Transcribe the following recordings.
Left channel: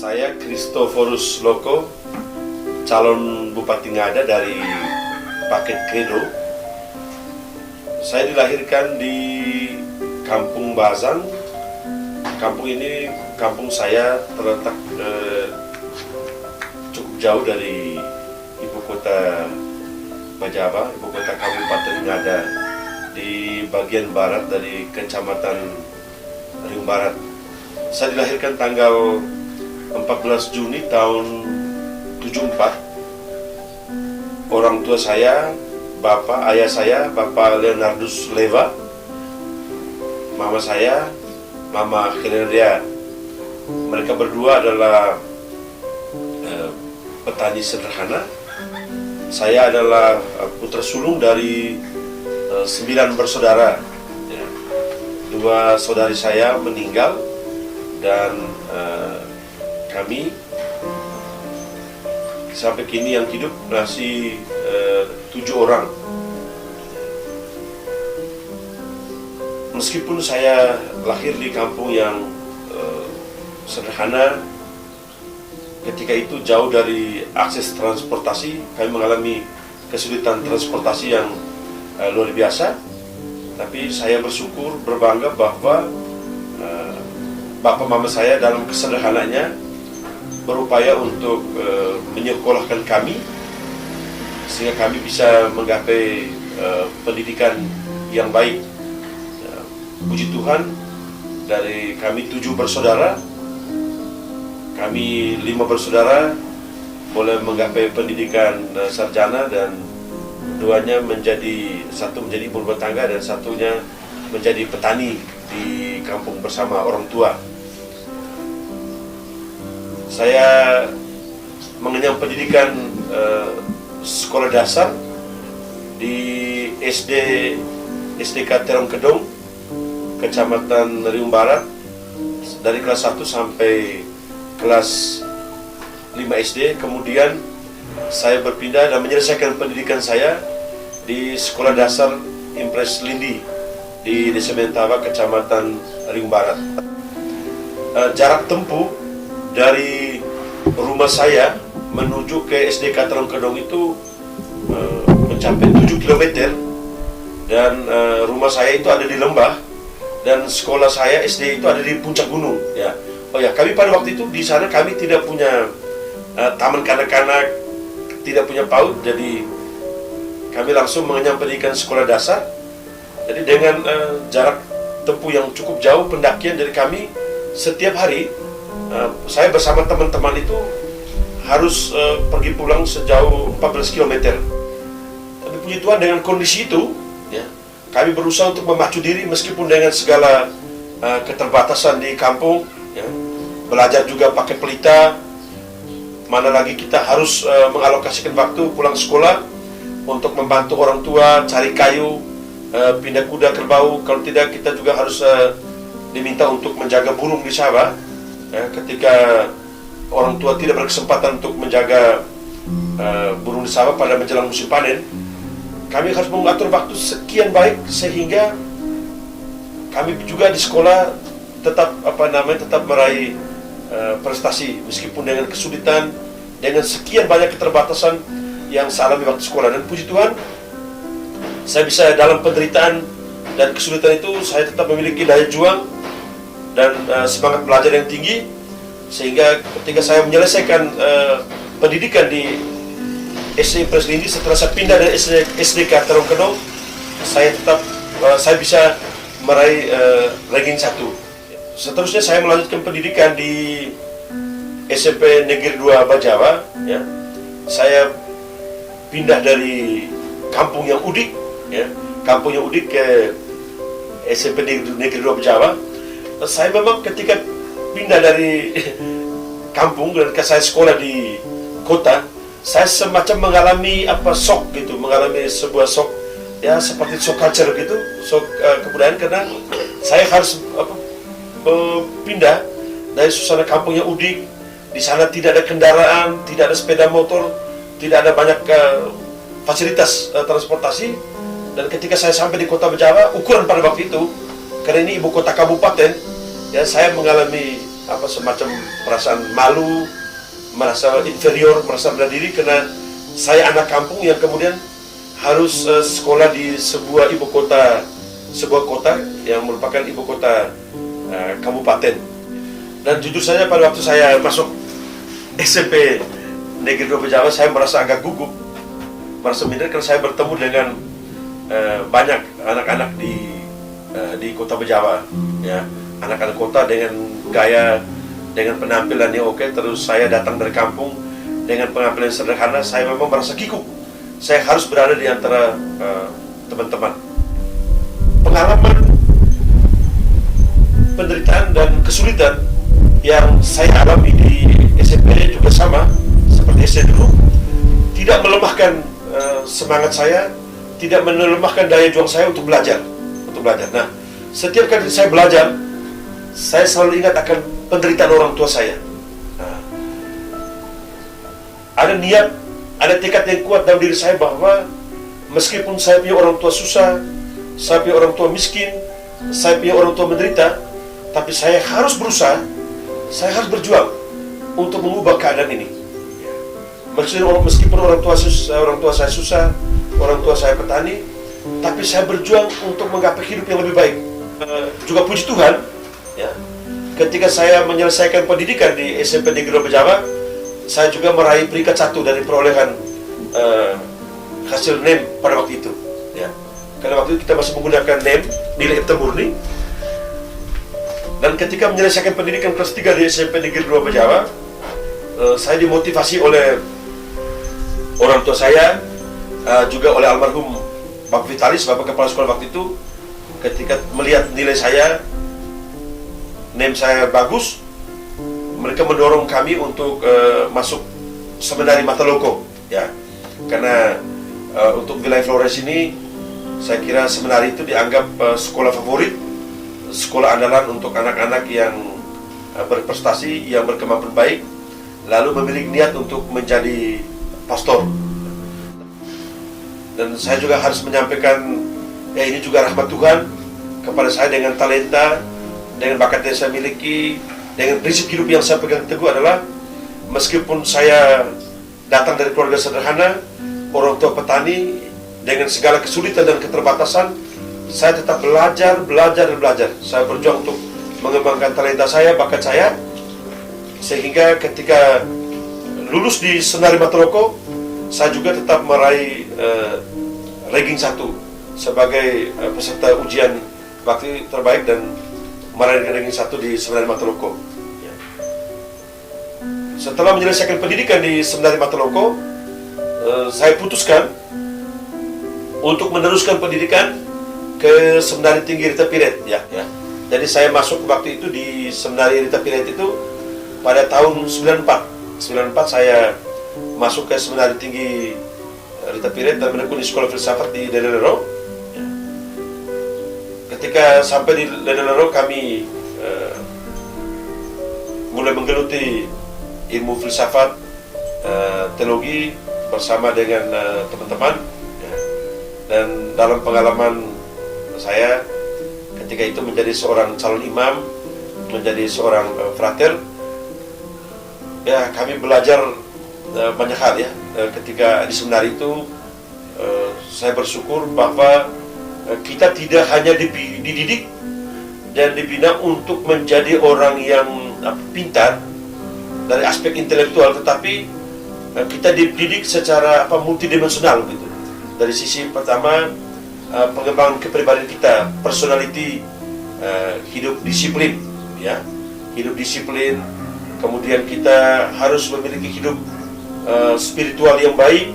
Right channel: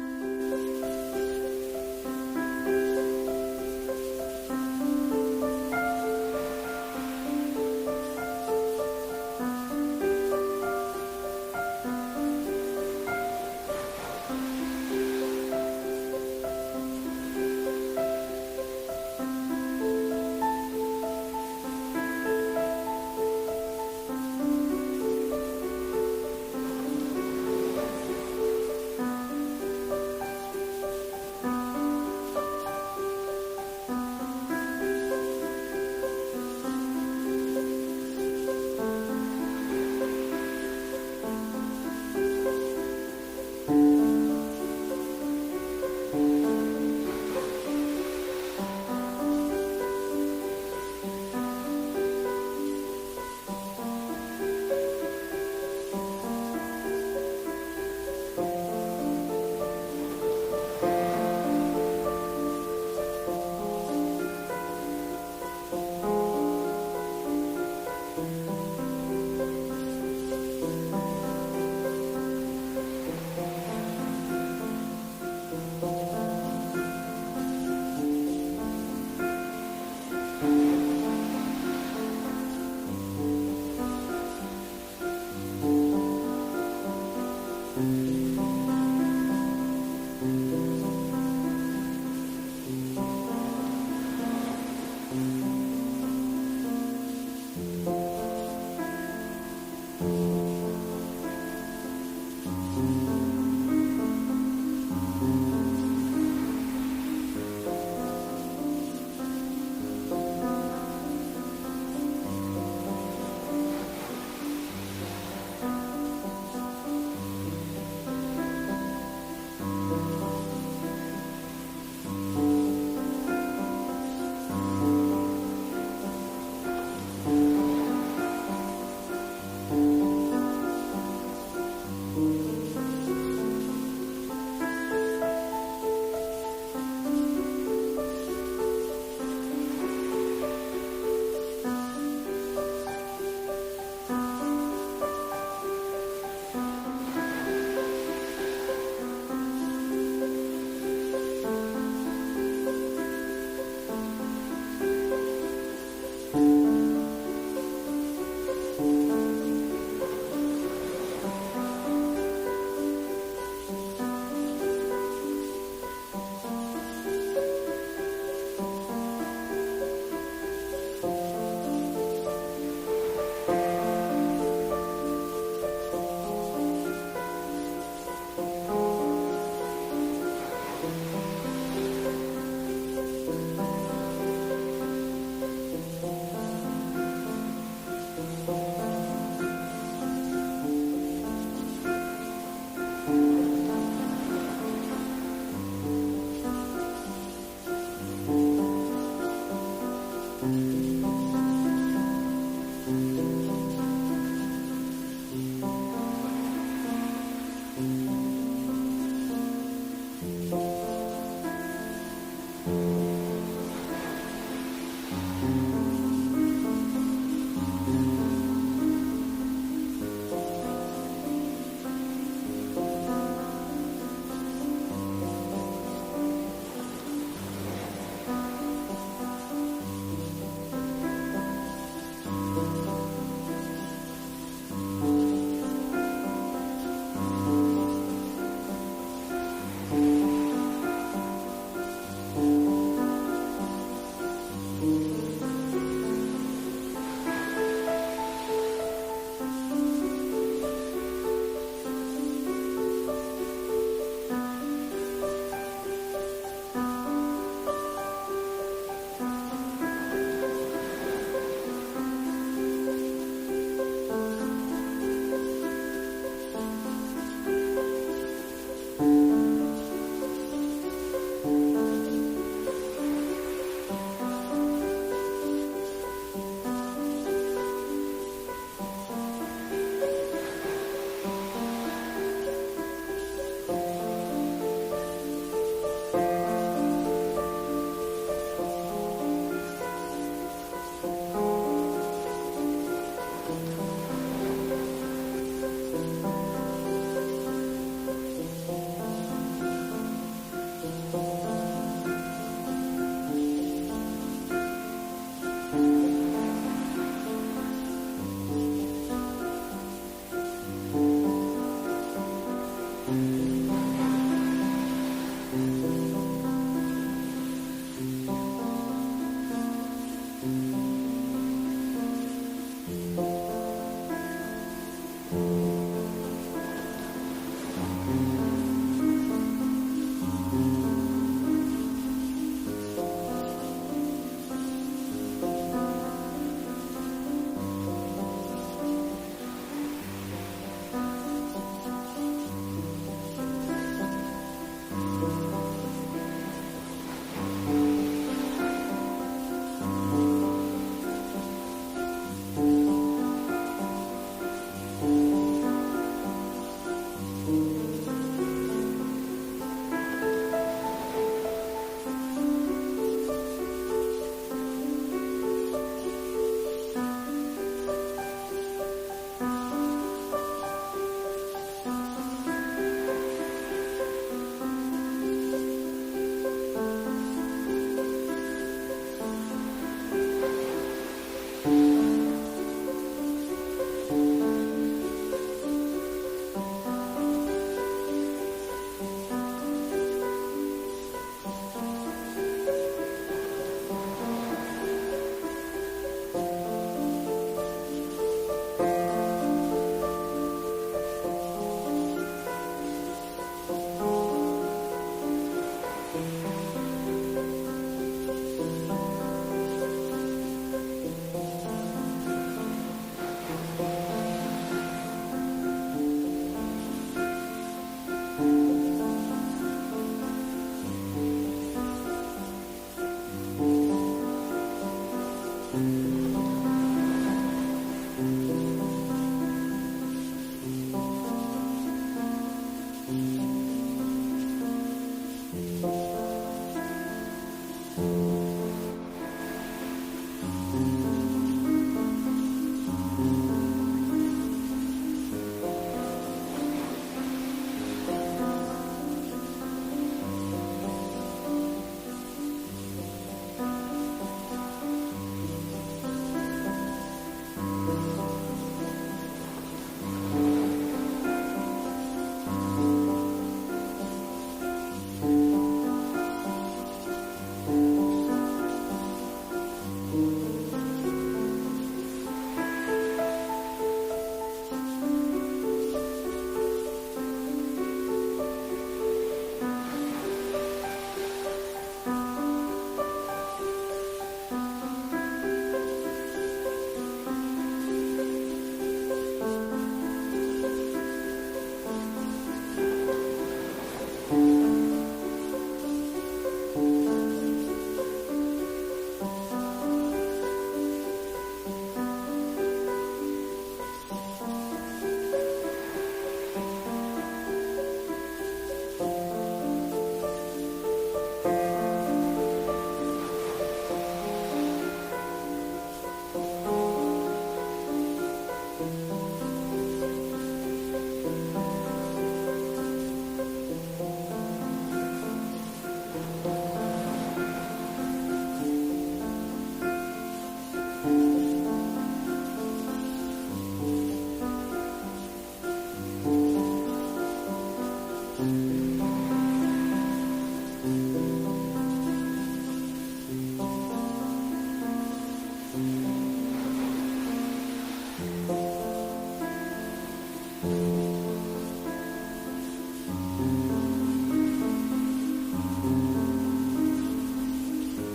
Saya Christoforus Loko, calon Bupati Ngada dari Paket Credo. Saya dilahirkan di Kampung Bazang. Kampung ini, kampung saya terletak cukup jauh dari ibu kota Bajaba, ibu kota Kabupaten Ngada, di bagian barat dari Kecamatan Riung Barat. Saya dilahirkan tanggal 14 Juni tahun 74. Orang tua saya, ayah saya, Bapak Leonardus Leva, mama saya, Mama Keneria. Mereka berdua adalah petani sederhana. Saya adalah putra sulung dari 9 bersaudara. 2 saudari saya meninggal dan kami sampai kini yang hidup masih 7 orang. Meskipun saya lahir di kampung yang sederhana, ketika itu jauh dari akses transportasi, kami mengalami kesulitan transportasi yang luar biasa. Tapi saya bersyukur, berbangga bahwa bapak mama saya dalam kesederhanaannya berupaya untuk menyekolahkan kami sehingga kami bisa menggapai pendidikan yang baik. Puji Tuhan, dari kami 7 bersaudara, kami 5 bersaudara boleh menggapai pendidikan sarjana, dan keduanya satu menjadi ibu rumah tangga dan satunya menjadi petani di kampung bersama orang tua. Saya mengenyam pendidikan sekolah dasar di SDK Terong Kedong, Kecamatan Riung Barat, dari kelas 1 sampai kelas 5 SD. Kemudian saya berpindah dan menyelesaikan pendidikan saya di sekolah dasar Impres Lindi di Desa Mentaba, Kecamatan Riung Barat. Jarak tempuh dari rumah saya menuju ke SDK Terong Kedong itu mencapai 7 km, dan rumah saya itu ada di lembah, dan sekolah saya SD itu ada di puncak gunung. Ya, kami pada waktu itu di sana kami tidak punya taman kanak-kanak, tidak punya PAUD, jadi kami langsung mengenyam pendidikan sekolah dasar. Jadi dengan jarak tempuh yang cukup jauh pendakian dari kami setiap hari, saya bersama teman-teman itu harus pergi pulang sejauh 14 km. Tapi puji Tuhan, dengan kondisi itu, ya, kami berusaha untuk memacu diri meskipun dengan segala keterbatasan di kampung. Ya, belajar juga pakai pelita. Mana lagi kita harus mengalokasikan waktu pulang sekolah untuk membantu orang tua cari kayu, pindah kuda kerbau. Kalau tidak, kita juga harus diminta untuk menjaga burung di sawah. Ketika orang tua tidak berkesempatan untuk menjaga burung di sawah pada menjelang musim panen, kami harus mengatur waktu sekian baik sehingga kami juga di sekolah tetap meraih prestasi meskipun dengan kesulitan, dengan sekian banyak keterbatasan yang saya alami waktu sekolah. Dan puji Tuhan, saya bisa dalam penderitaan dan kesulitan itu saya tetap memiliki daya juang dan semangat belajar yang tinggi, sehingga ketika saya menyelesaikan pendidikan di SD Impres Lindi, setelah saya pindah dari SDK Terong Kedong, saya bisa meraih ranking 1. Seterusnya saya melanjutkan pendidikan di SMP Negeri 2 Bajaba. Ya. Saya pindah dari kampung yang udik, ke SMP Negeri 2 Bajaba. Saya memang ketika pindah dari kampung dan saya sekolah di kota, saya semacam mengalami mengalami sebuah shock, ya, seperti shock culture gitu, shock kebudayaan, karena saya harus pindah dari suasana kampung yang udik. Di sana tidak ada kendaraan, tidak ada sepeda motor, tidak ada banyak fasilitas transportasi. Dan ketika saya sampai di kota Bajaba, ukuran pada waktu itu, karena ini ibu kota kabupaten, ya, saya mengalami semacam perasaan malu, merasa inferior, merasa rendah diri karena saya anak kampung yang kemudian harus sekolah di sebuah sebuah kota yang merupakan ibu kota kabupaten. Dan jujur saja pada waktu saya masuk SMP Negeri 2 Bejawa, saya merasa agak gugup, merasa minder karena saya bertemu dengan banyak anak-anak di kota Bejawa, ya, anak-anak kota dengan gaya, dengan penampilan yang oke. Terus saya datang dari kampung dengan penampilan sederhana, saya memang merasa kikuk. Saya harus berada di antara teman-teman. Pengalaman penderitaan dan kesulitan yang saya alami di SMP juga sama seperti SD dulu, tidak melemahkan semangat saya, tidak melemahkan daya juang saya untuk belajar. Nah, setiap kali saya belajar, saya selalu ingat akan penderitaan orang tua saya. Nah, ada niat, ada tekad yang kuat dalam diri saya bahwa meskipun saya punya orang tua susah, saya punya orang tua miskin, saya punya orang tua menderita, tapi saya harus berusaha, saya harus berjuang untuk mengubah keadaan ini. Meskipun orang tua saya susah, orang tua saya petani, tapi saya berjuang untuk menggapai hidup yang lebih baik. Juga puji Tuhan, ya, ketika saya menyelesaikan pendidikan di SMP Negeri 2 Bejawa, saya juga meraih peringkat 1 dari perolehan hasil NEM pada waktu itu, ya. Karena waktu itu kita masih menggunakan NEM, nilai hitam murni. Dan ketika menyelesaikan pendidikan kelas 3 di SMP Negeri 2 Bejawa, saya dimotivasi oleh orang tua saya, juga oleh almarhum Pak Vitalis, Bapak Kepala Sekolah waktu itu. Ketika melihat nilai saya, NEM saya bagus, mereka mendorong kami untuk masuk seminari Mataloko, ya. Karena untuk wilayah Flores ini, saya kira seminari itu dianggap sekolah favorit, sekolah andalan untuk anak-anak yang berprestasi, yang berkemampuan baik, lalu memiliki niat untuk menjadi pastor. Dan saya juga harus menyampaikan, ya, ini juga rahmat Tuhan kepada saya dengan talenta, dengan bakat yang saya miliki, dengan prinsip hidup yang saya pegang teguh adalah meskipun saya datang dari keluarga sederhana, orang tua petani, dengan segala kesulitan dan keterbatasan, saya tetap belajar. Saya berjuang untuk mengembangkan talenta saya, bakat saya, sehingga ketika lulus di Seminari Mataloko, saya juga tetap meraih ranking 1 sebagai peserta ujian bakti terbaik dan meraih ranking 1 di Seminari Mataloko. Setelah menyelesaikan pendidikan di Seminari Mataloko, saya putuskan untuk meneruskan pendidikan ke Seminari Tinggi Rita Piret, ya. Jadi saya masuk waktu itu di Seminari Rita Piret itu pada tahun 94 saya masuk ke Seminari Tinggi Rita Piret dan menekuni sekolah filsafat di Ledelero. Ketika sampai di Ledelero, kami mulai menggeluti ilmu filsafat, teologi bersama dengan teman-teman. Dan dalam pengalaman saya ketika itu menjadi seorang calon imam, menjadi seorang frater, ya, kami belajar banyak hal, ya. Ketika di seminari itu, saya bersyukur bahwa kita tidak hanya dididik dan dibina untuk menjadi orang yang pintar dari aspek intelektual, tetapi kita dididik secara multidimensional, gitu. Dari sisi pertama, pengembangan kepribadian kita, personality, hidup disiplin, ya, hidup disiplin. Kemudian kita harus memiliki hidup spiritual yang baik.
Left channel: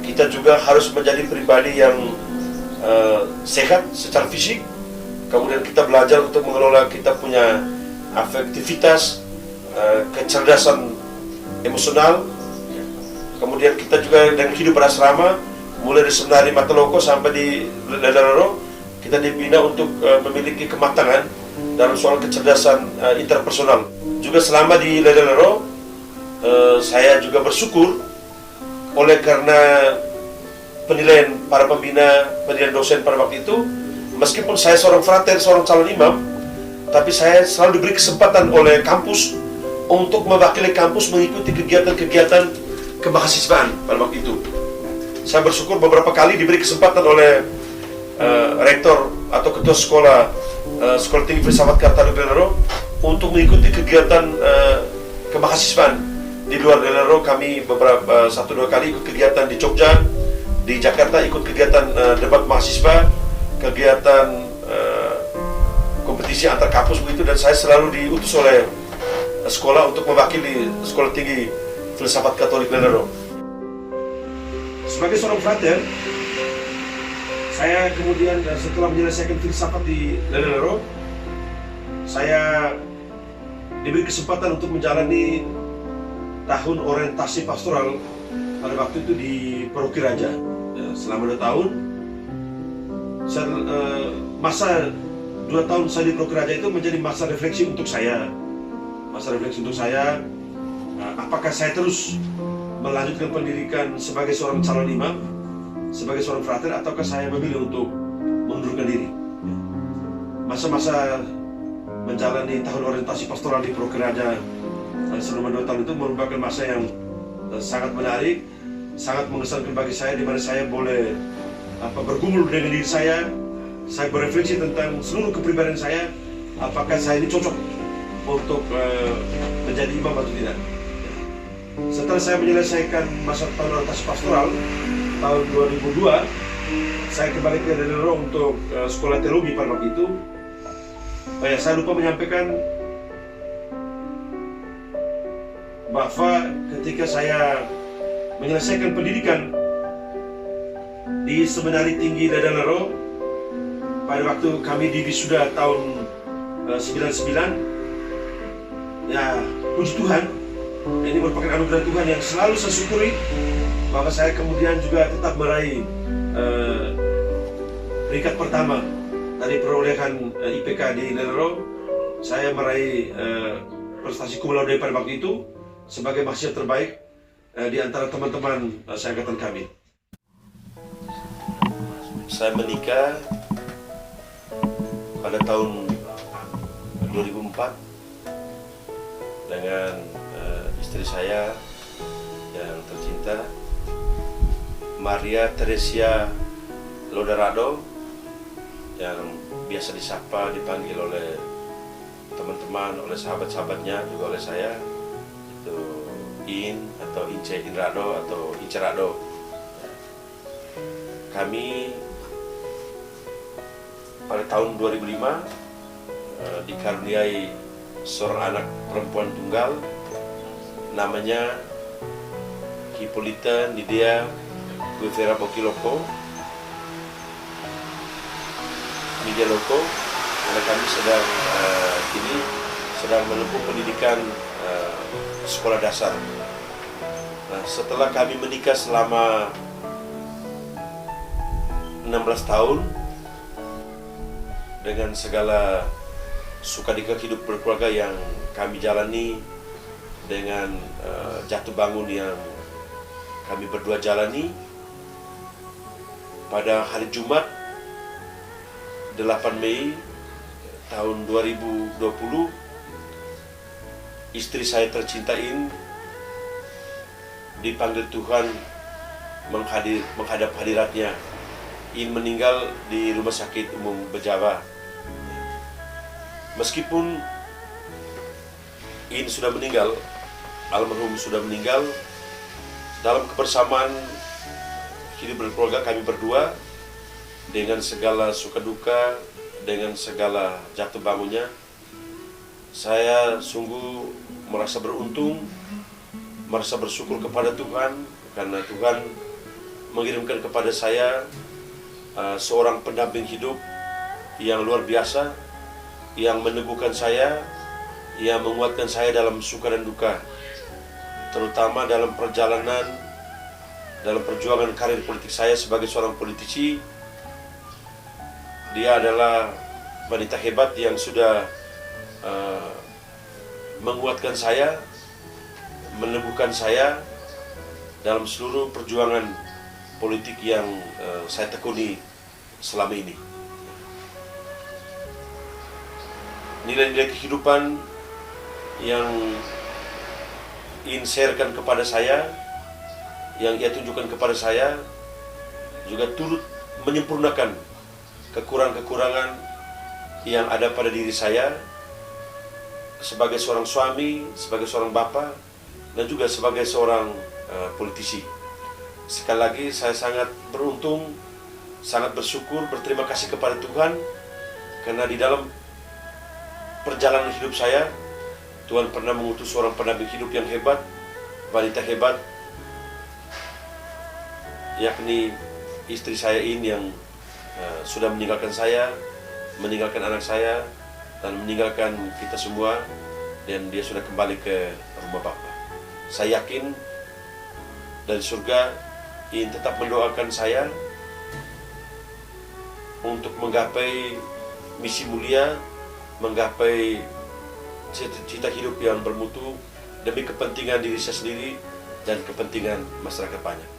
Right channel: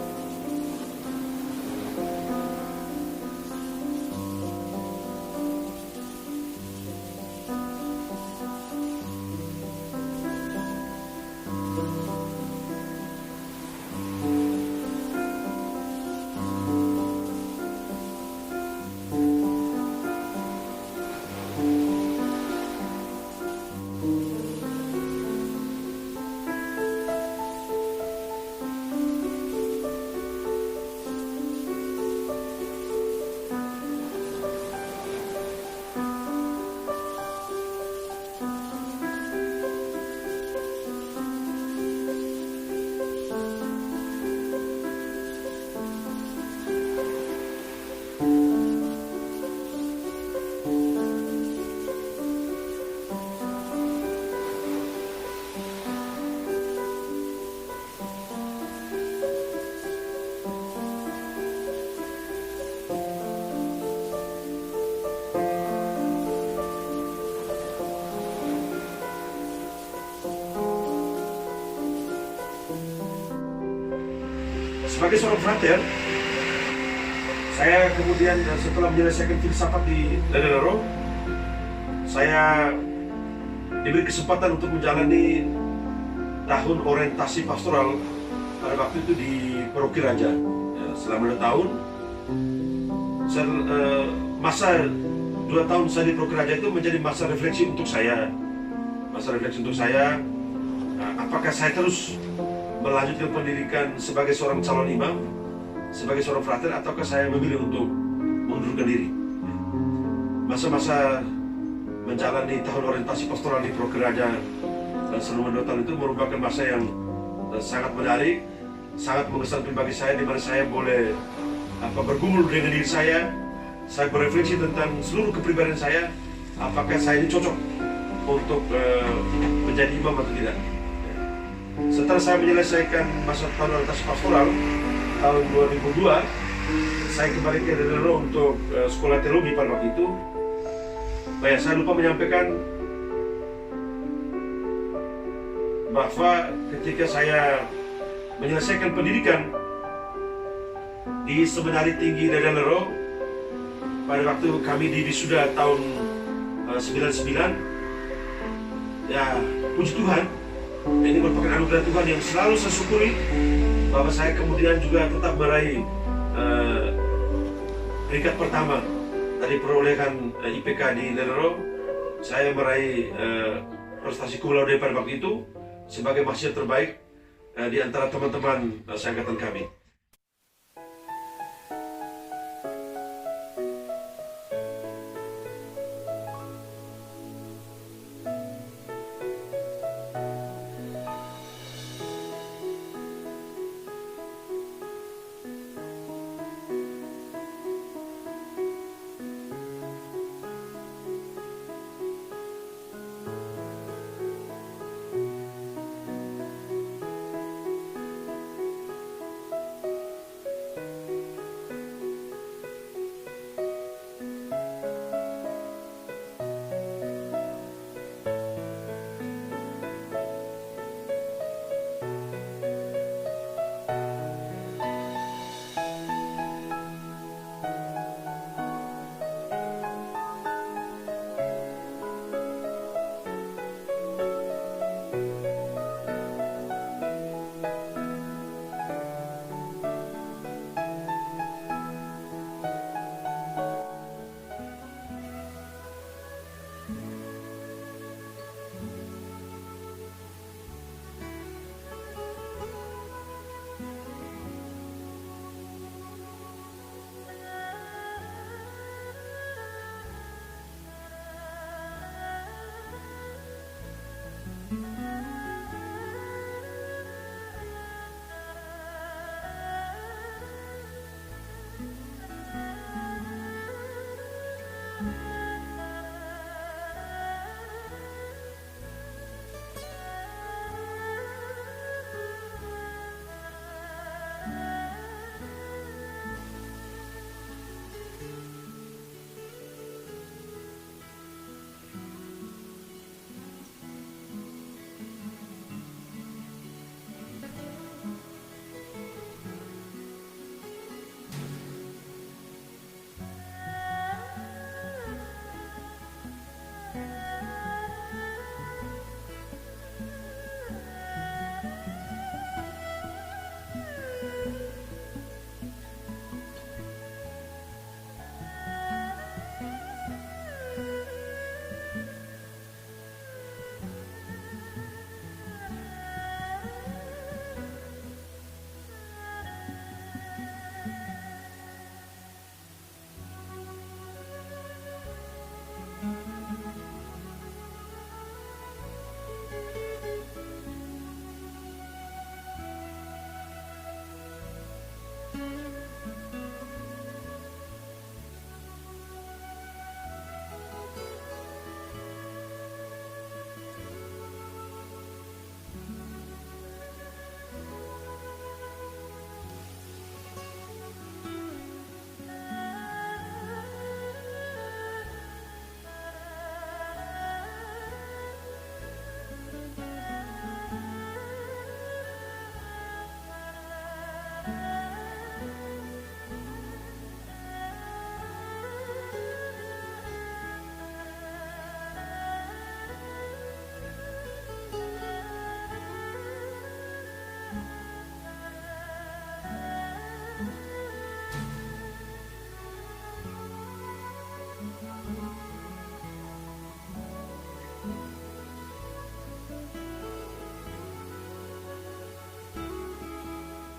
Kita juga harus menjadi pribadi yang sehat secara fisik. Kemudian kita belajar untuk mengelola kita punya afektivitas, kecerdasan emosional. Kemudian kita juga dengan hidup berasrama, mulai di Seminari Mataloko sampai di Ledelero, kita dibina untuk memiliki kematangan dalam soal kecerdasan interpersonal. Juga selama di Ledelero, saya juga bersyukur oleh karena penilaian para pembina, penilaian dosen pada waktu itu, meskipun saya seorang frater, seorang calon imam, tapi saya selalu diberi kesempatan oleh kampus untuk mewakili kampus mengikuti kegiatan-kegiatan kemahasiswaan pada waktu itu. Saya bersyukur beberapa kali diberi kesempatan oleh rektor atau ketua sekolah tinggi filsafat Katolik Lelero untuk mengikuti kegiatan kemahasiswaan. Di luar Lelero kami beberapa 1-2 kali ikut kegiatan di Jogja, di Jakarta ikut kegiatan debat mahasiswa, kegiatan kompetisi antar kampus begitu, dan saya selalu diutus oleh sekolah untuk mewakili sekolah tinggi filsafat Katolik Lelero. Sebagai seorang frater, saya kemudian setelah menyelesaikan filsafat di Lelero, saya diberi kesempatan untuk menjalani tahun orientasi pastoral pada waktu itu di Paroki Raja. Selama 2 tahun, masa 2 tahun saya di Paroki Raja itu menjadi masa refleksi untuk saya. Apakah saya terus melanjutkan pendidikan sebagai seorang calon imam, sebagai seorang frater, ataukah saya memilih untuk mengundurkan diri. Masa-masa menjalani tahun orientasi pastoral di Paroki Raja selama 2 tahun itu merupakan masa yang sangat menarik, sangat mengesankan bagi saya, di mana saya boleh bergumul dengan diri saya berefleksi tentang seluruh kepribadian saya, apakah saya ini cocok untuk menjadi imam atau tidak. Setelah saya menyelesaikan masa tahun orientasi pastoral tahun 2002, saya kembali ke Lelero untuk sekolah teologi pada waktu itu. Saya lupa menyampaikan bahwa ketika saya menyelesaikan pendidikan di Seminari Tinggi Lelero, pada waktu kami di wisuda tahun 99, ya puji Tuhan, ini merupakan anugerah Tuhan yang selalu saya syukuri, bahwa saya kemudian juga tetap meraih peringkat pertama dari perolehan IPK di Lelero. Saya meraih prestasi cum laude pada waktu itu sebagai mahasiswa terbaik di antara teman-teman seangkatan kami. Saya menikah pada tahun 2004 dengan istri saya yang tercinta, Maria Teresia Loderado, yang biasa disapa, dipanggil oleh teman-teman, oleh sahabat-sahabatnya, juga oleh saya, itu In atau Ince Inrado atau Incerado. Kami pada tahun 2005 dikaruniai seorang anak perempuan tunggal, namanya Hippolyta Nidia Guevara Bokiloko. Nidia Loko, karena kami sedang menempuh pendidikan sekolah dasar. Nah, setelah kami menikah selama 16 tahun dengan segala suka duka hidup berkeluarga yang kami jalani, dengan jatuh bangun yang kami berdua jalani, pada hari Jumat 8 Mei tahun 2020, istri saya tercinta In dipanggil Tuhan menghadap hadiratnya. In meninggal di Rumah Sakit Umum Bejawa. Meskipun In sudah meninggal, almarhum sudah meninggal, dalam kebersamaan hidup berkeluarga kami berdua, dengan segala suka duka, dengan segala jatuh bangunnya, saya sungguh merasa beruntung, merasa bersyukur kepada Tuhan, karena Tuhan mengirimkan kepada saya seorang pendamping hidup yang luar biasa, yang meneguhkan saya, yang menguatkan saya dalam suka dan duka, terutama dalam perjuangan karir politik saya sebagai seorang politisi. Dia adalah wanita hebat yang sudah menguatkan saya, meneguhkan saya dalam seluruh perjuangan politik yang saya tekuni selama ini. nilai-nilai kehidupan yang ingin sharekan kepada saya, yang ia tunjukkan kepada saya, juga turut menyempurnakan kekurangan-kekurangan yang ada pada diri saya sebagai seorang suami, sebagai seorang bapa, dan juga sebagai seorang politisi. Sekali lagi saya sangat beruntung, sangat bersyukur, berterima kasih kepada Tuhan, karena di dalam perjalanan hidup saya, Tuhan pernah mengutus seorang pendamping hidup yang hebat, wanita hebat, yakni istri saya ini yang sudah meninggalkan saya, meninggalkan anak saya, dan meninggalkan kita semua, dan dia sudah kembali ke rumah Bapa. Saya yakin dari surga ingin tetap mendoakan saya untuk menggapai misi mulia, menggapai cita-cita hidup yang bermutu demi kepentingan diri saya sendiri dan kepentingan masyarakat banyak.